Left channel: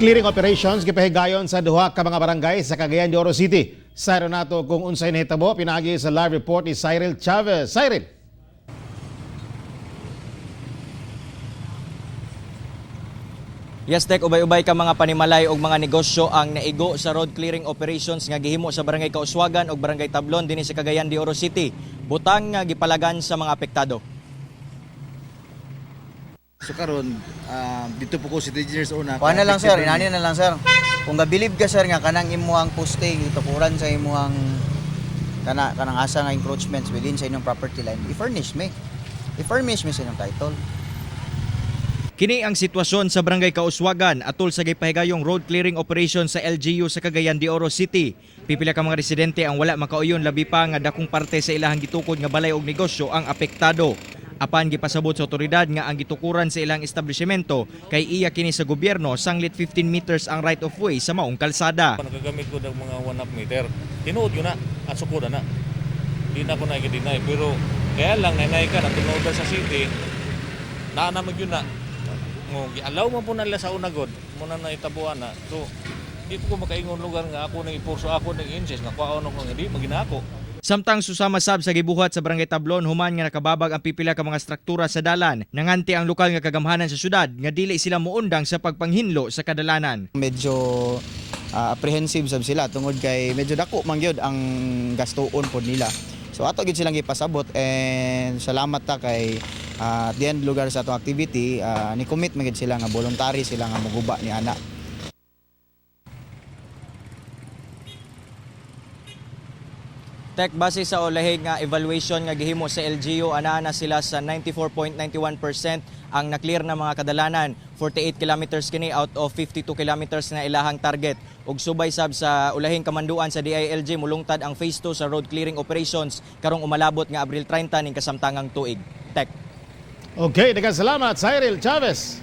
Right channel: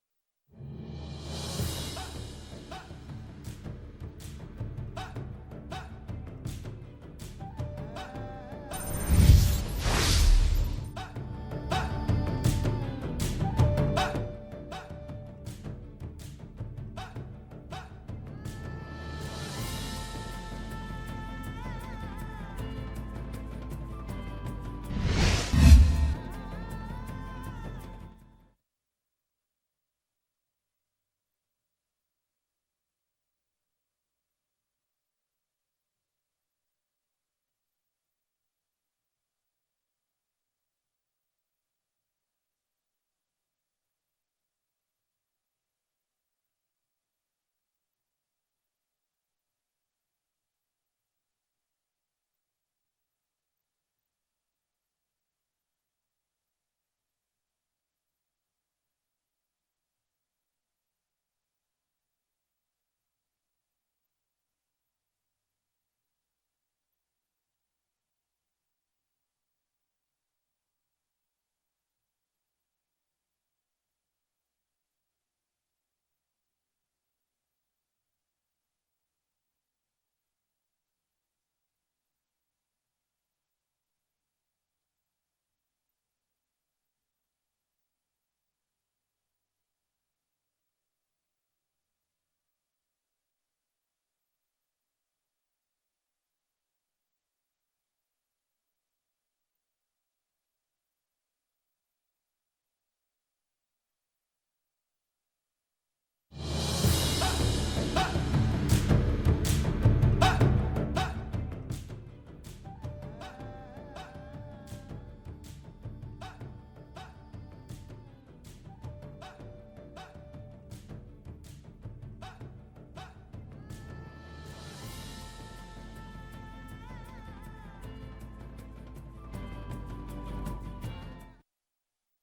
Clearing operations gipahigayon sa duha ka mga barangay sa Cagayan de Oro City. Sayro nato kung unsay nahitabo pinagi sa live report ni Cyril Chavez. Cyril. Yes, Tek, ubay-ubay ka mga panimalay o mga negosyo ang naigo sa road clearing operations nga gihimo sa Barangay Kauswagan o Barangay Tablon dinhi sa Cagayan de Oro City. Butang nga gipalagan sa mga apektado. So karon dito po ko si engineers una. Kuha na lang sir, inani na lang sir. Kung gabilib ka sir nga kanang imuhang posting itukuran sa imuhang kanang asa nga encroachments within sa inyong property line, i-furnish me. I-furnish me sa inyong title. Kini ang sitwasyon sa Barangay Kauswagan atol sa gipahigayong road clearing operation sa LGU sa Cagayan de Oro City. Pipila ka mga residente ang wala makauyon labi pa nga dakong parte sa ilahang gitukod nga balay og negosyo ang apektado. Apan gipasabot sa otoridad nga ang gitukuran sa ilang establishmento kay iya kini sa gobyerno sanglit 15 meters ang right of way sa maong kalsada. Nagagamit ko ng mga 1.5 meter. Tinuod yun na at sukuda na. Di na ako nakikidinay. Pero kaya lang nanay ka na tinuod sa city, naanamag yun na. Gialaw mo po nila sa unagod, muna na itabuan na. So, di ko makaingon lugar nga ako nang ipurso ako ng insist nga kuha ko nga di maginako. Samtang susama sab sa gibuhat sa Barangay Tablon human nga nakababag ang pipila ka mga struktura sa dalan, nanganti ang lokal nga kagamhanan sa syudad nga dili sila muundang sa pagpanghinlo sa kadalanan. Medyo apprehensive sab sila tungod kay medyo dako man gyud ang gastuon pod nila. So ato gid silang gipasabot and salamat ta kay at the end lugar sa atong activity ni commit man gid sila nga voluntary sila nga moguba ni ana. Tek, base sa ulahig nga evaluation nga gihimo sa LGU, ana sila sa 94.91% ang na-clear na mga kadalanan. 48 kilometers kini out of 52 kilometers na ilahang target. Ug subay sab sa ulahing kamanduan sa DILG mulungtad ang phase 2 sa road clearing operations karong umalabot nga Abril 30 ning kasamtangang tuig. Tek. Okay, daghang salamat Cyril Chavez.